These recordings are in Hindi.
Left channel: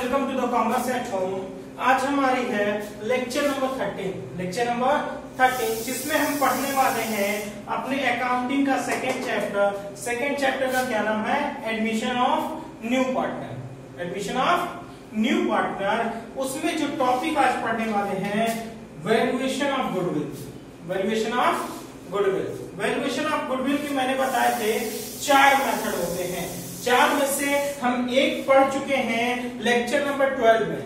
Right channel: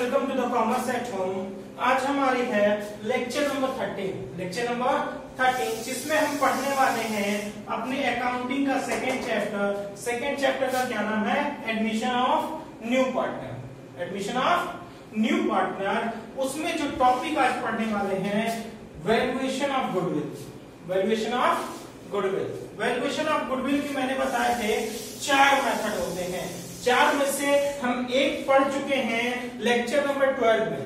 Welcome to the commerce at home. आज हमारी है लेक्चर नंबर 13 जिसमें हम पढ़ने वाले हैं अपने अकाउंटिंग का सेकेंड चैप्टर का क्या नाम है? Admission of new partner. उसमें जो टॉपिक आज पढ़ने वाले हैं वैल्यूएशन ऑफ गुडविल की मैंने बताए थे 4 मेथड होते हैं। 4 में से हम एक पढ़ चुके हैं लेक्चर नंबर 12 में।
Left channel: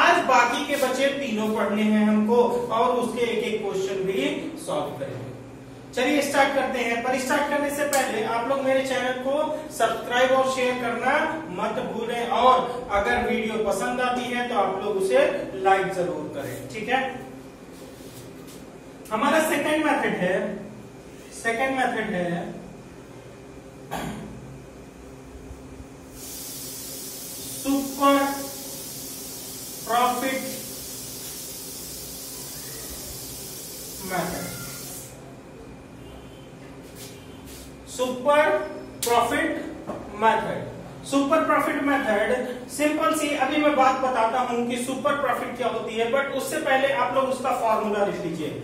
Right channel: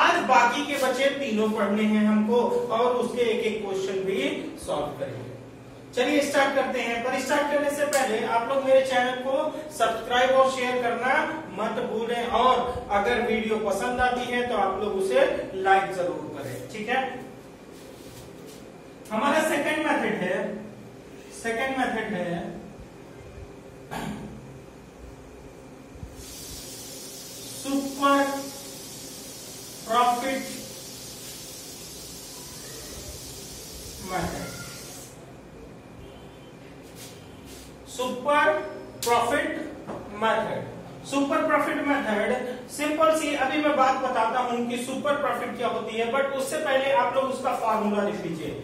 आज बाकी के बचे तीनों पढ़ने हैं हमको और उसके एक क्वेश्चन भी सॉल्व करेंगे। चलिए स्टार्ट करते हैं। पर स्टार्ट करने से पहले आप लोग मेरे चैनल को सब्सक्राइब और शेयर करना मत भूलें, और अगर वीडियो पसंद आती है तो आप लोग उसे लाइक जरूर करें, ठीक है। हमारा सेकंड मेथड है super profit method. Super profit method simple सी अभी मैं बात बताता हूं कि सुपर प्रॉफिट क्या होती है, बट उससे पहले आप लोग उसका फॉर्मूला लिख लीजिए।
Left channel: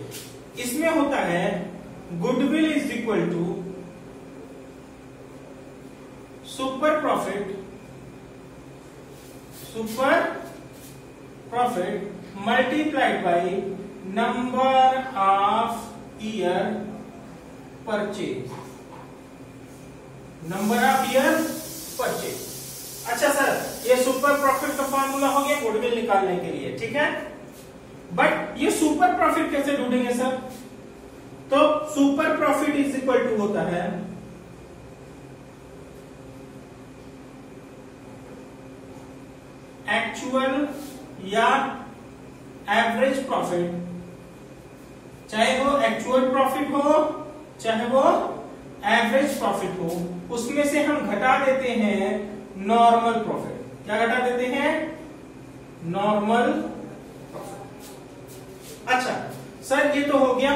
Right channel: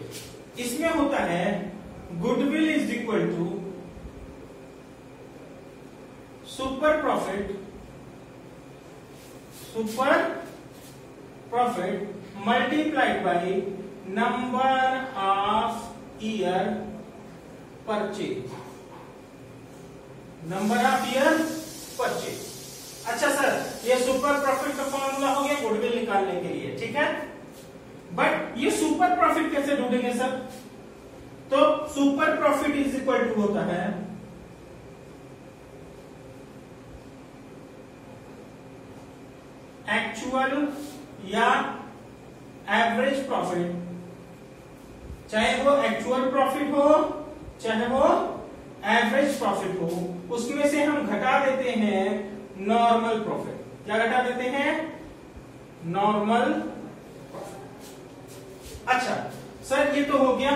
इसमें होता है goodwill is equal to super profit multiplied by number of year purchase. अच्छा सर, ये सुपर प्रॉफिट का फॉर्मूला हो गया गुडविल निकालने के लिए, ठीक है। बट ये सुपर प्रॉफिट कैसे ढूंढेंगे सर? तो super profit is equal to होता है एक्चुअल या एवरेज प्रॉफिट, चाहे वो एक्चुअल प्रॉफिट हो चाहे वो एवरेज प्रॉफिट हो, उसमें से हम घटा देते हैं नॉर्मल प्रॉफिट। क्या घटा देते हैं? Normal profit. अच्छा सर, ये तो हो गया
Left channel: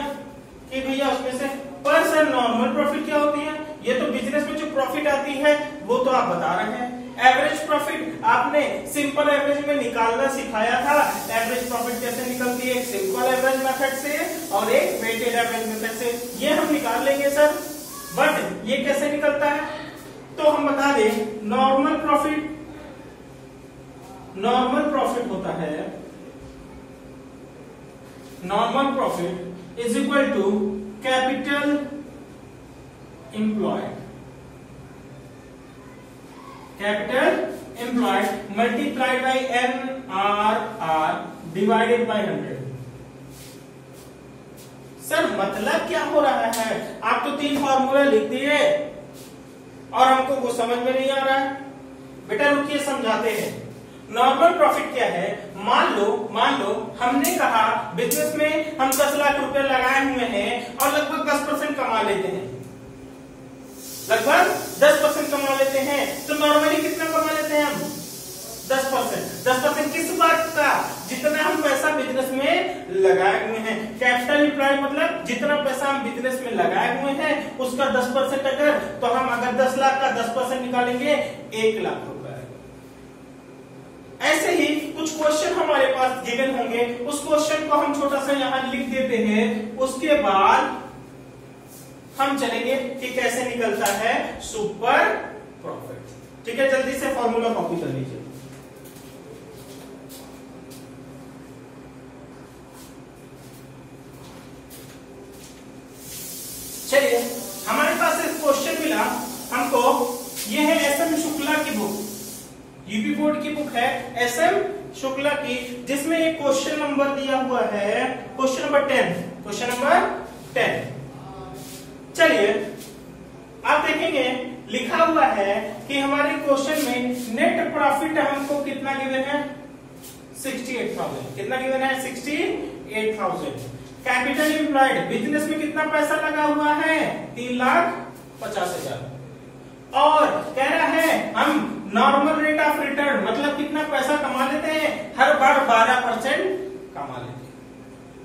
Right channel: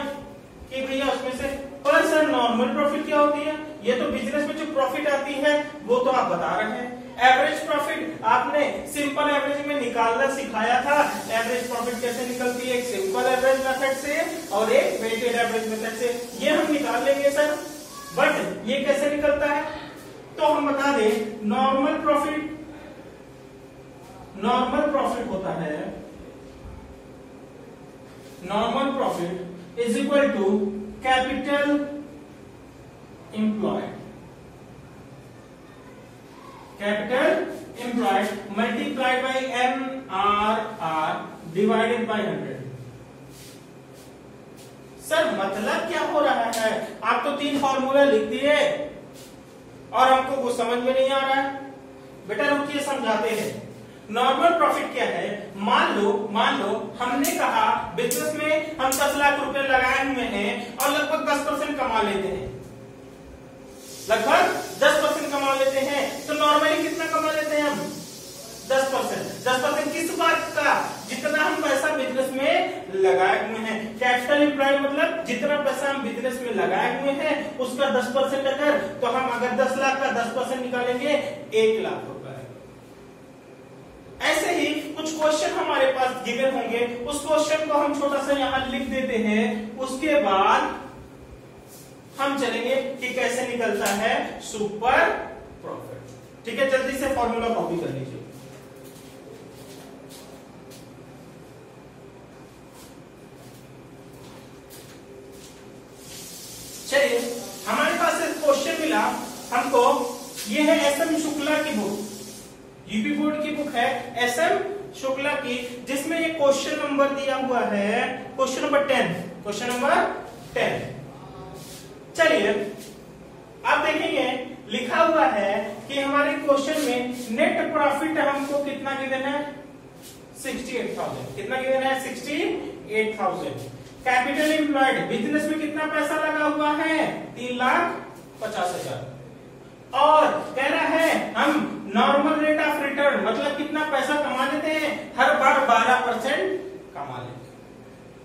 कि भैया उसमें से, पर सर नॉर्मल प्रॉफिट क्या होती है? ये तो बिजनेस में जो प्रॉफिट आती है वो तो आप बता रहे हैं। एवरेज प्रॉफिट आपने सिंपल एवरेज में निकालना सिखाया था। एवरेज प्रॉफिट कैसे निकलती है? एक सिंपल एवरेज मेथड से और एक वेटेड एवरेज मेथड से। ये हम निकाल लेंगे सर, बट ये कैसे निकलता है? तो हम बता दें normal profit is equal to capital employed multiplied by NRR divided by 100। Sir मतलब क्या हो रहा है? आप तो 3 फॉर्मूला लिख दिए और हमको वो समझ में नहीं आ रहा है। बेटा रुकिए, समझाते हैं। नॉर्मल प्रॉफिट क्या है? मान लो हमने कहा बिजनेस में हम 10 लाख रुपए लगाए हुए हैं और लगभग 10% कमा लेते हैं। लगभग 10% कमा लेते हैं, तो नॉर्मली कितना कमा लेते हैं हम? 10%। 10% किस बात का? जितना हम पैसा बिजनेस में लगाए हुए हैं। कैपिटल एम्प्लॉयड मतलब जितना पैसा हम बिजनेस में लगाए हुए हैं उसका 10% अगर, तो हम अगर 10 लाख का 10% निकालेंगे 1 लाख रुपए। ऐसे ही कुछ क्वेश्चन हमारे पास गिवन होंगे, उस क्वेश्चन को हम छोटा सा यहां लिख देते हैं। उसके बाद हम चलेंगे कि कैसे निकलता है सुपर प्रॉफिट। ठीक है, जल्दी से फॉर्मूला कॉपी कर लीजिए। चलिए, हमारे पास एक क्वेश्चन मिला हमको। ये है SM शुक्ला की बुक, यूपी बोर्ड की बुक है SM शुक्ला की, जिसमें ये क्वेश्चन नंबर दिया हुआ है क्वेश्चन नंबर 10। चलिए आप देखेंगे लिखा हुआ है कि हमारे क्वेश्चन में नेट प्रॉफिट हमको कितना गिवन है? 68,000। कितना गिवन है? 68,000। कैपिटल एम्प्लॉयड बिजनेस में कितना पैसा लगा हुआ है? 3,50,000। और कह रहा है हम नॉर्मल रेट ऑफ रिटर्न मतलब कितना पैसा कमा लेते हैं? हर बार 12% कमा लेते हैं।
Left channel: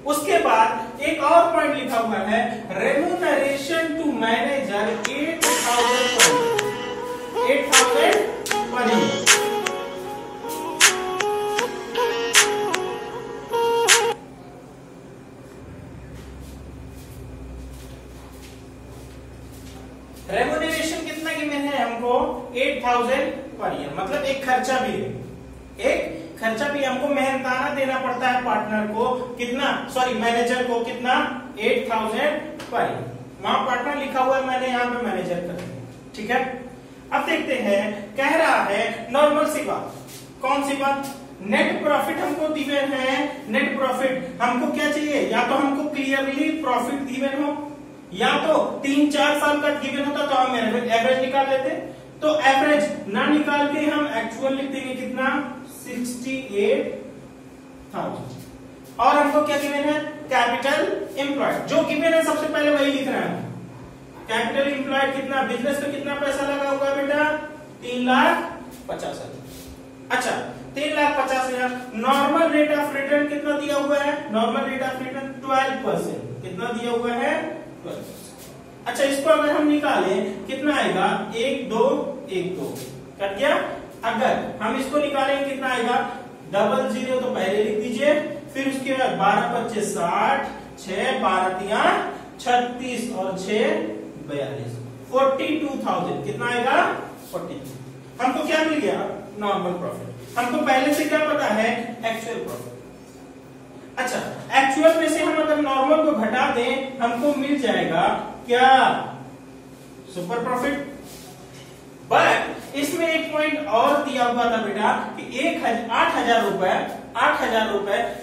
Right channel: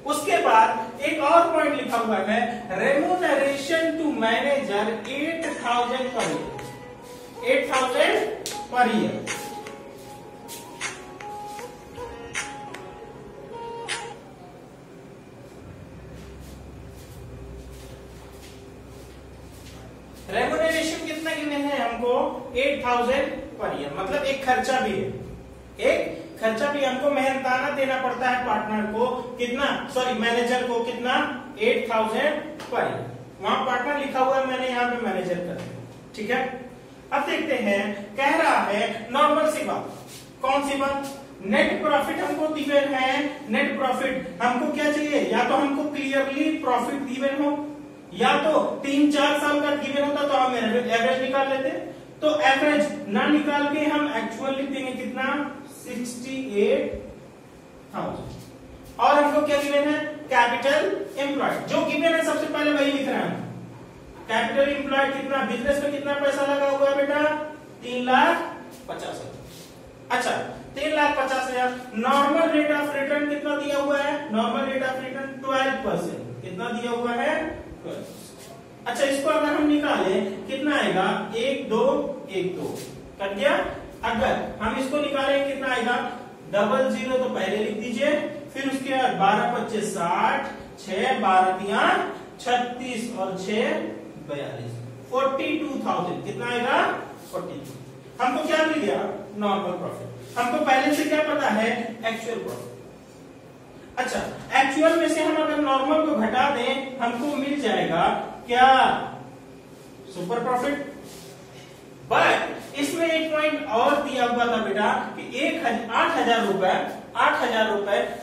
उसके बाद एक और पॉइंट लिखा हुआ है remuneration to manager 8,000 per year. Remuneration कितना गिवन है हमको 8000 पर ईयर, मतलब एक खर्चा भी है, एक खर्चा भी हमको मेहनताना देना पड़ता है पार्टनर को, कितना, सॉरी मैनेजर को कितना, 8000 पर ईयर। वहां पार्टनर लिखा हुआ है, मैंने यहाँ पे मैनेजर कर दिया, ठीक है। अब देखते हैं, कह रहा है नॉर्मल सी बात, कौन सी बात, नेट प्रॉफिट हमको गिवन है। नेट प्रॉफिट हमको क्या चाहिए, या तो हमको क्लियरली प्रॉफिट गिवन हो, या तो 3-4 साल का गिवन होता तो हम एवरेज निकाल लेते। तो एवरेज ना निकाल के हम एक्चुअल लिख देंगे, कितना, 68,000। और हमको क्या गिवन है, कैपिटल एम्प्लॉयड, जो गिवन है सबसे पहले वही लिख रहे हैं। कैपिटल एम्प्लॉयड कितना, बिजनेस में कितना पैसा लगा हुआ है बेटा, 3,50,000। अच्छा, 3,50,000। नॉर्मल रेट ऑफ रिटर्न कितना दिया हुआ है, नॉर्मल रेट ऑफ रिटर्न 12%, कितना दिया हुआ है, 12%। अच्छा, इसको अगर हम निकालें कितना आएगा, 1,2,1,2 कर दिया। अगर हम इसको निकालेंगे कितना आएगा, 00 तो पहले लिख दीजिए, फिर उसके बाद 12-25 60, 6 12 36 और 6 42, 42,000 कितना आएगा, 42। हमको क्या मिल गया, नॉर्मल प्रॉफिट। हमको पहले से क्या पता है, एक्चुअल प्रॉफिट। अच्छा, एक्चुअल में से हम अगर नॉर्मल को घटा दें, हमको मिल जाएगा क्या, सुपर प्रॉफिट। बट इसमें एक पॉइंट और दिया हुआ था बेटा कि 8,000 रुपए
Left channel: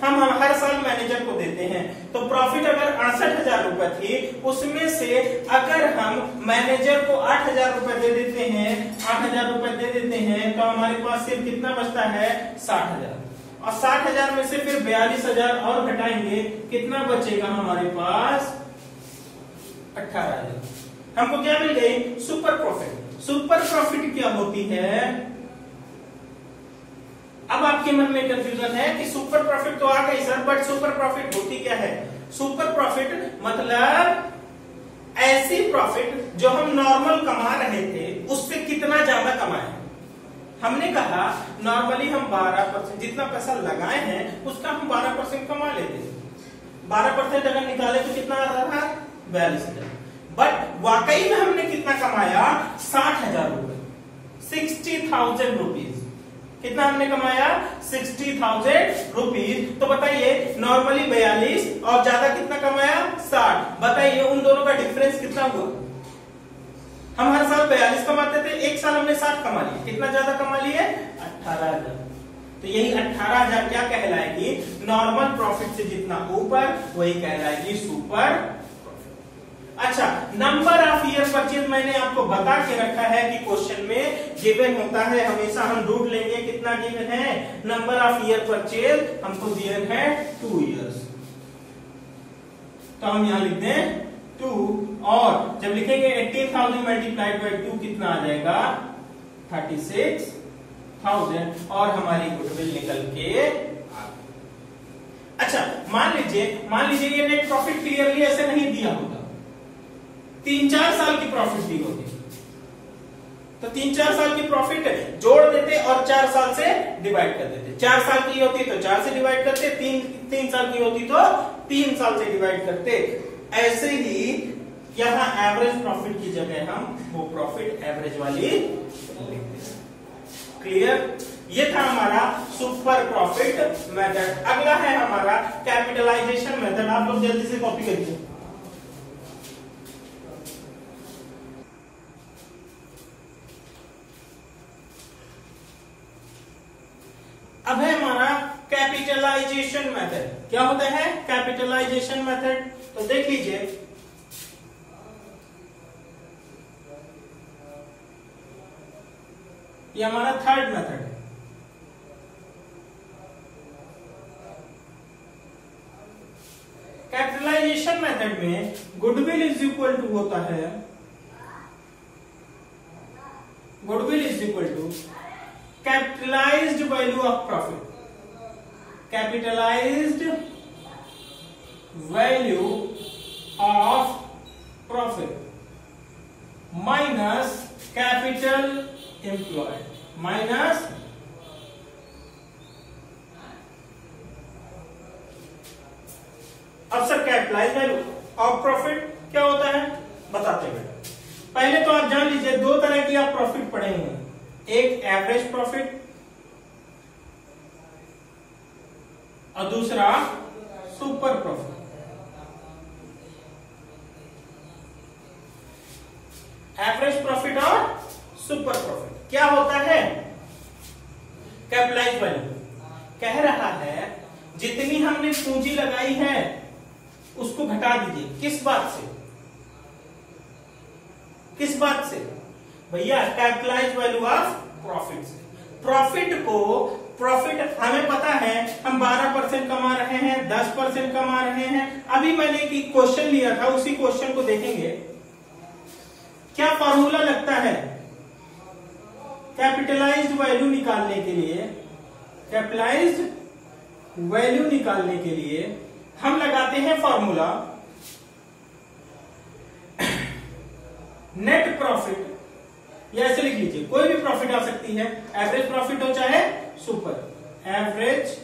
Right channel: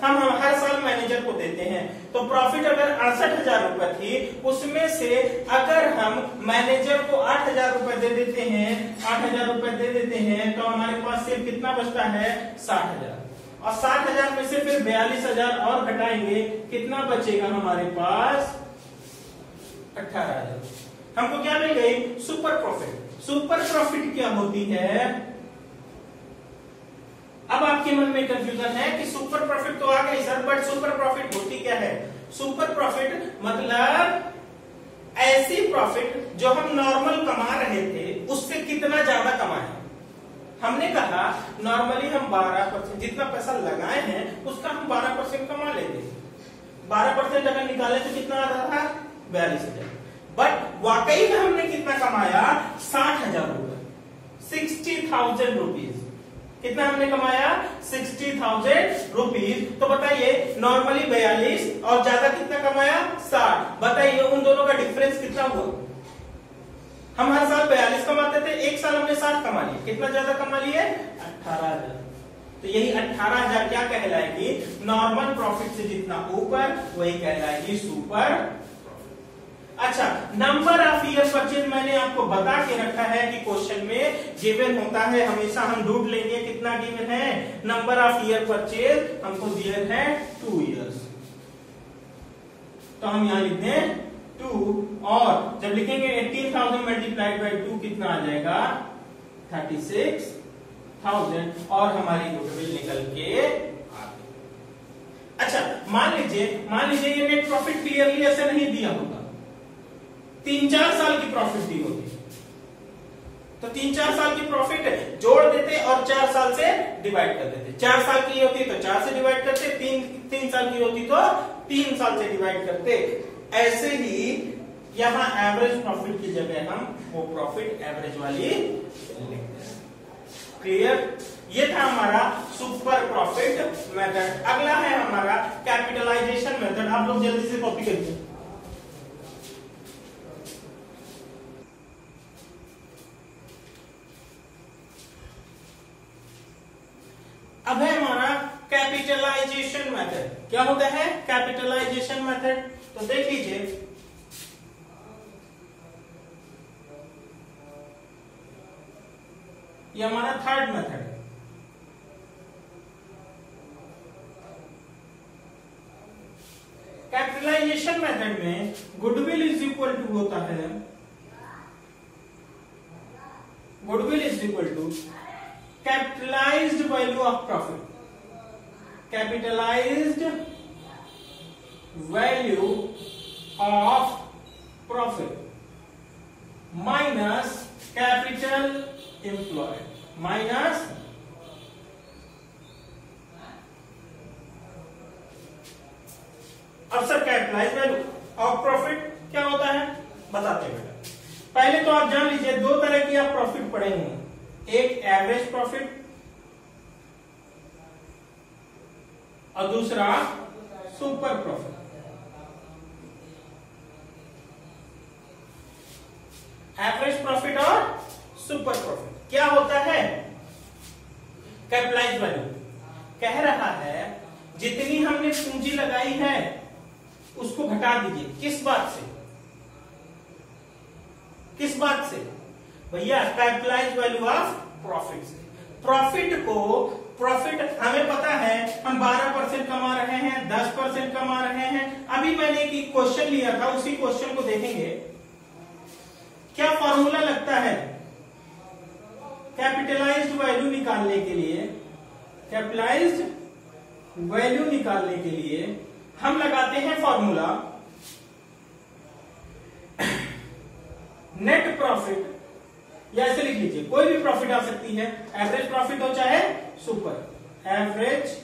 हम हर साल मैनेजर को देते हैं। तो प्रॉफिट अगर 68,000 रुपए थी, उसमें से अगर हम मैनेजर को 8,000 रुपए दे देते हैं, 8,000 रुपए दे देते हैं, तो हमारे पास सिर्फ कितना बचता है, 60,000। और 60,000 में से फिर 42,000 और घटाएंगे, कितना बचेगा हमारे पास, 18,000। हमको क्या मिल गई, सुपर प्रॉफिट। सुपर प्रॉफिट क्या होती है, अब आपके मन में कंफ्यूजन है कि सुपर प्रॉफिट तो आ गई सर, बट सुपर प्रॉफिट होती क्या है। सुपर प्रॉफिट मतलब ऐसी प्रॉफिट जो हम नॉर्मल कमा रहे थे उससे कितना ज्यादा कमाए। हमने कहा नॉर्मली हम 12%, जितना पैसा लगाए हैं उसका हम 12% कमा लेते हैं। 12% अगर निकाले तो कितना आ रहा था, 42,000। बट वाकई में हमने कितना कमाया, 60,000 रुपए, 60,000 रुपीज। कितना हमने कमाया, 60,000 रुपीज। तो बताइए, नॉर्मली 42 और ज्यादा कितना कमाया, 60। बताइए उन दोनों का डिफरेंस कितना हुआ। हम हर साल 42 कमाते थे, एक साल हमने 60 कमा लिए, कितना ज्यादा कमा लिए, 18,000। तो यही 18,000 क्या कहलाएगी, नॉर्मल प्रॉफिट से जितना ऊपर वही कहलाएगी सुपर। अच्छा, नंबर ऑफ ईयर परचेज मैंने आपको बता के रखा है कि क्वेश्चन में गिवन होता है, हमेशा हम ढूंढ लेंगे कितना गिवन है। नंबर ऑफ ईयर परचेज हमको दिया है 2 इयर्स, तो हम यहां लिख दें 2, और जब लिखेंगे 18,000 मल्टीप्लाइड बाई 2 कितना आ जाएगा, 36,000, और हमारी गुडविल निकल के। अच्छा, मान लीजिए ये नेट प्रॉफिट क्लियरली ऐसे नहीं दिया होता, 3-4 साल की प्रॉफिट दी होती, तो 3-4 साल की प्रॉफिट जोड़ देते और 4 साल से डिवाइड कर देते। 4 साल की होती तो 4 से डिवाइड करते, 3 साल की होती तो 3 साल से डिवाइड करते। ऐसे ही यहां एवरेज प्रॉफिट की जगह हम वो प्रॉफिट एवरेज वाली। क्लियर, ये था हमारा सुपर प्रॉफिट मेथड। अगला है हमारा कैपिटलाइजेशन मेथड। आप लोग जल्दी से कॉपी करिए। अब है हमारा कैपिटलाइजेशन मेथड। क्या होता है कैपिटलाइजेशन मेथड, तो देख लीजिए, ये हमारा थर्ड मेथड है। कैपिटलाइजेशन मेथड में गुडविल इज इक्वल टू होता है, goodwill is equal to capitalised value of profit, capitalised value of profit minus capital employed minus अब sir capitalised value of profit क्या होता है बताते हैं बेटा। पहले तो आप जान लीजिए दो तरह की आप प्रॉफिट पढ़ेंगे, एक एवरेज प्रॉफिट और दूसरा सुपर प्रॉफिट। एवरेज प्रॉफिट और सुपर प्रॉफिट क्या होता है? कैपिटलाइज वैल्यू कह रहा है जितनी हमने पूंजी लगाई है उसको घटा दीजिए। किस बात से? किस बात से भैया? कैपिटलाइज वैल्यू ऑफ प्रॉफिट से। प्रॉफिट हमें पता है हम 12% कमा रहे हैं, 10% कमा रहे हैं। अभी मैंने एक क्वेश्चन लिया था, उसी क्वेश्चन को देखेंगे। क्या फॉर्मूला लगता है कैपिटलाइज्ड वैल्यू निकालने के लिए? कैपिटलाइज्ड वैल्यू निकालने के लिए हम लगाते हैं फॉर्मूला नेट प्रॉफिट, या ऐसे लिख लीजिए, कोई भी प्रॉफिट आ सकती है, एवरेज प्रॉफिट हो चाहे सुपर, एवरेज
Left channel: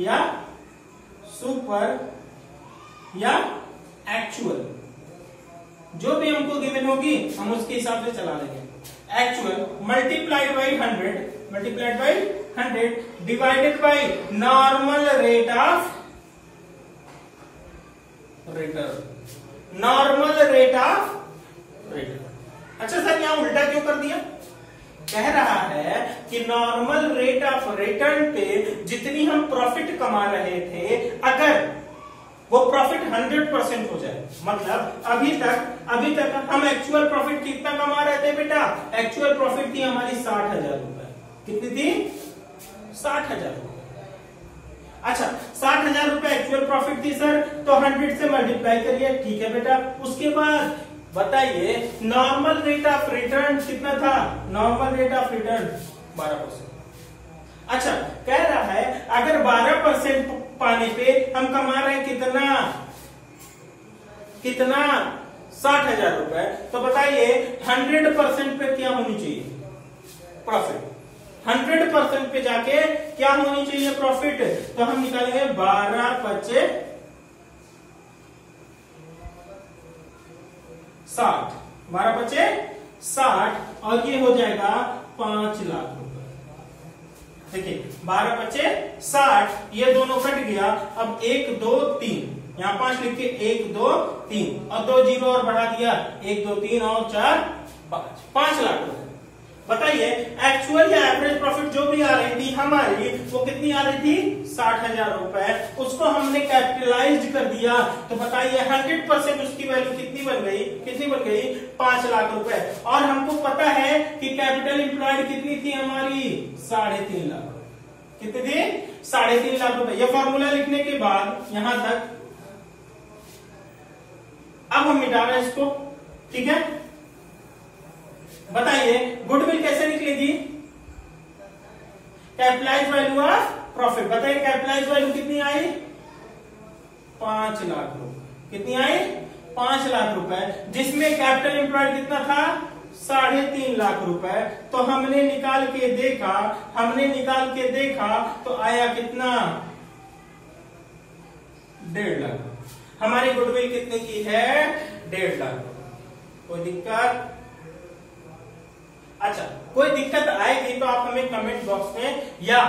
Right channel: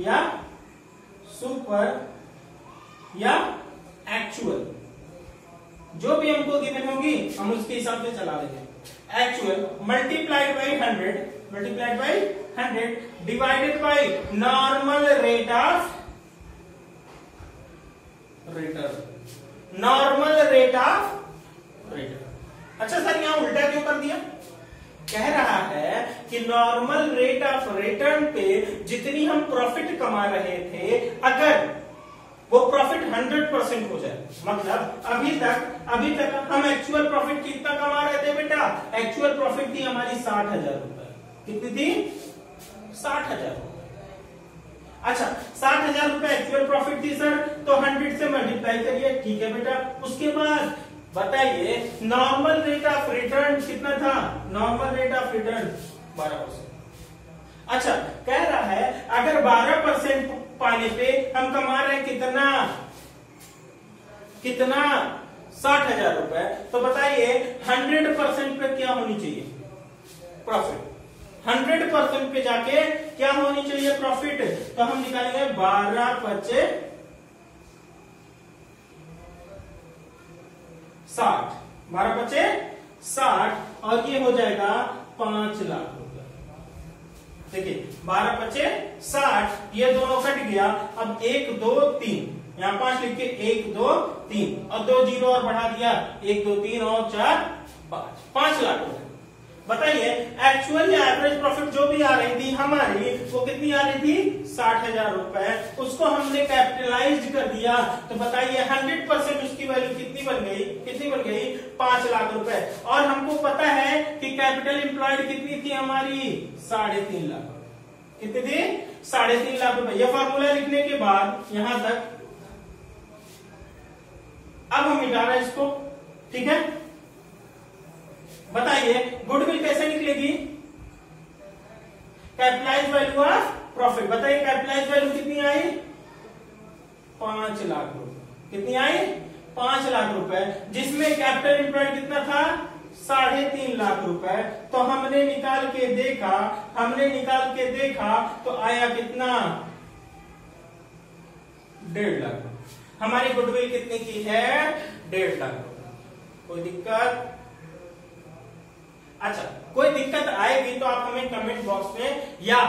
या सुपर या एक्चुअल, जो भी हमको गिवन होगी हम उसके हिसाब से चला देंगे। Actual multiplied by 100 divided by normal rate of return, normal rate of return. अच्छा सर यहां उल्टा क्यों कर दिया? कह रहा है कि नॉर्मल रेट ऑफ रिटर्न पे जितनी हम प्रॉफिट कमा रहे थे, अगर वो प्रॉफिट 100% हो जाए, मतलब अभी तक हम एक्चुअल प्रॉफिट कितना कमा रहे थे बेटा? एक्चुअल प्रॉफिट थी हमारी 60,000 रुपए। कितनी थी? 60,000 रुपए। अच्छा 60,000 रुपए एक्चुअल प्रॉफिट थी सर, तो 100 से मल्टीप्लाई करिए, ठीक है बेटा। उसके बाद बताइए नॉर्मल रेट ऑफ रिटर्न कितना था? Normal rate of return 12%। अच्छा कह रहा है अगर 12% पाने पे हम कमा रहे हैं कितना 60,000 रुपए, तो बताइए 100% पे क्या होनी चाहिए प्रॉफिट? 100% पे जाके क्या होनी चाहिए प्रॉफिट? तो हम निकालेंगे 12 पचे 60, 12 पचे 60 और ये हो जाएगा 5 लाख रुपए। देखिए 12 पचे 60, ये दोनों कट गया। अब 1 2 3, यहां 5 लिख के 1 2 3 और 2 जीरो और बढ़ा दिया, 1 2 3 और 4 5 लाख रुपए। बताइए एक्चुअल या एवरेज प्रॉफिट जो भी आ रही थी हमारी, वो कितनी आ रही थी? 60,000 रुपए। उसको हमने कैपिटलाइज्ड कर दिया, तो बताइए 100% उसकी वैल्यू कितनी बन गई? 5 लाख रुपए। और हमको पता है कि कैपिटल एम्प्लॉयड कितनी थी हमारी? 3.5 लाख। कितनी थी? 3.5 लाख रुपए। ये फॉर्मूला लिखने के बाद यहां तक अब हम मिटा रहे हैं इसको, ठीक है। बताइए गुडविल कैसे निकलेगी? Capitalise value of profit. बताइए कैपिटलाइज वैल्यू कितनी आई? 5 लाख रुपए। कितनी आई? 5 लाख रुपए, जिसमें कैपिटल एम्प्लॉयड कितना था? 3.5 लाख रुपए। तो हमने निकाल के देखा तो आया कितना? 1.5 लाख। हमारी गुडविल कितने की है? 1.5 लाख रुपए। कोई दिक्कत? अच्छा कोई दिक्कत आएगी तो आप हमें कमेंट बॉक्स में या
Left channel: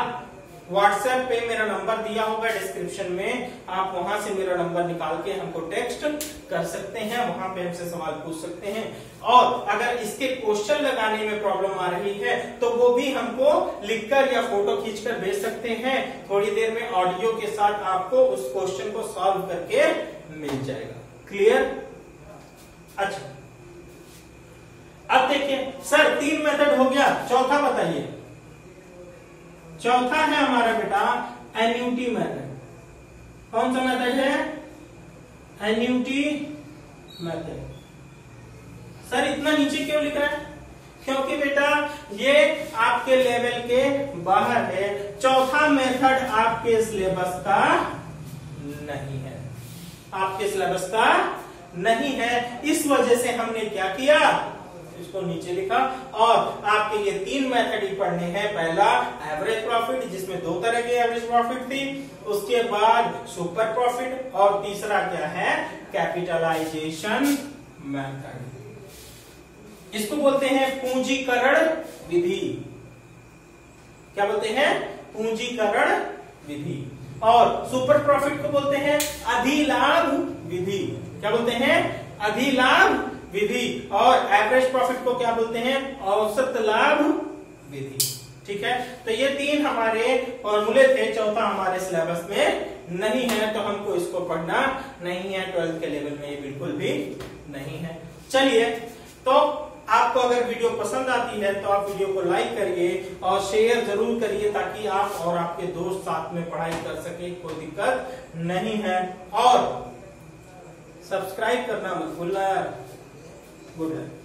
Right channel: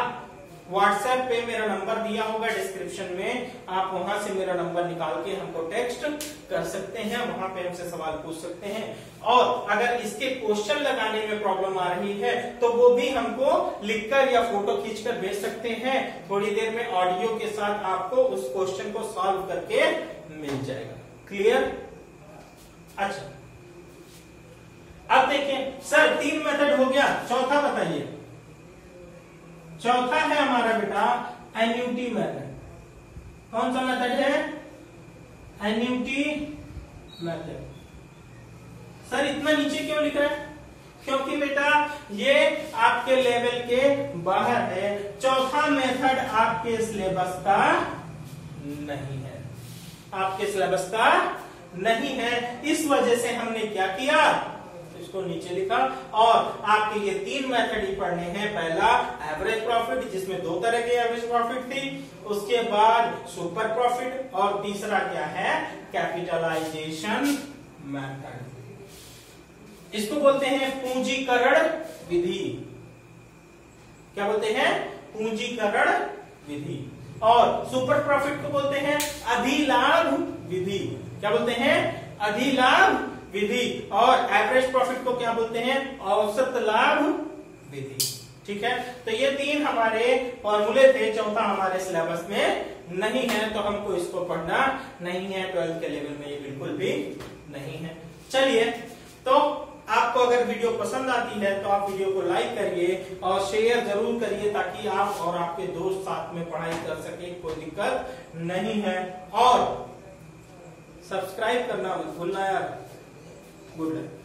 व्हाट्सएप पे मेरा नंबर दिया होगा डिस्क्रिप्शन में, आप वहां से मेरा नंबर निकाल के हमको टेक्स्ट कर सकते हैं, वहां पे हमसे सवाल पूछ सकते हैं। और अगर इसके क्वेश्चन लगाने में प्रॉब्लम आ रही है तो वो भी हमको लिखकर या फोटो खींचकर भेज सकते हैं। थोड़ी देर में ऑडियो के साथ आपको उस क्वेश्चन को सॉल्व करके मिल जाएगा। क्लियर? अच्छा अब देखिए सर 3 मेथड हो गया, चौथा बताइए। चौथा है हमारा बेटा एन्युटी मेथड। कौन सा मेथड है? Annuity method. सर इतना नीचे क्यों लिख रहा है? क्योंकि बेटा ये आपके लेवल के बाहर है। चौथा मेथड आपके सिलेबस का नहीं है, आपके सिलेबस का नहीं है। इस वजह से हमने क्या किया, इसको नीचे लिखा। और आपके ये 3 मेथड ही पढ़ने हैं। पहला एवरेज प्रॉफिट, जिसमें 2 तरह की एवरेज प्रॉफिट थी, उसके बाद सुपर प्रॉफिट, और तीसरा क्या है? Capitalisation method. इसको बोलते हैं पूंजीकरण विधि। क्या बोलते हैं? पूंजीकरण विधि। और सुपर प्रॉफिट को बोलते हैं अधिलाभ विधि। क्या बोलते हैं? अधिलाभ विधि। और एवरेज प्रॉफिट को क्या बोलते हैं? औसत लाभ विधि। ठीक है, तो ये 3 हमारे फॉर्मूले थे। चौथा हमारे सिलेबस में नहीं है, तो हमको इसको पढ़ना नहीं है। 12th के लेवल में ये बिल्कुल भी नहीं है। चलिए, तो आपको अगर वीडियो पसंद आती है तो आप वीडियो को लाइक करिए और शेयर जरूर करिए, ताकि आप और आपके दोस्त साथ में पढ़ाई कर सके, कोई दिक्कत नहीं है। और सब्सक्राइब करना मत भूलना यार। Good night.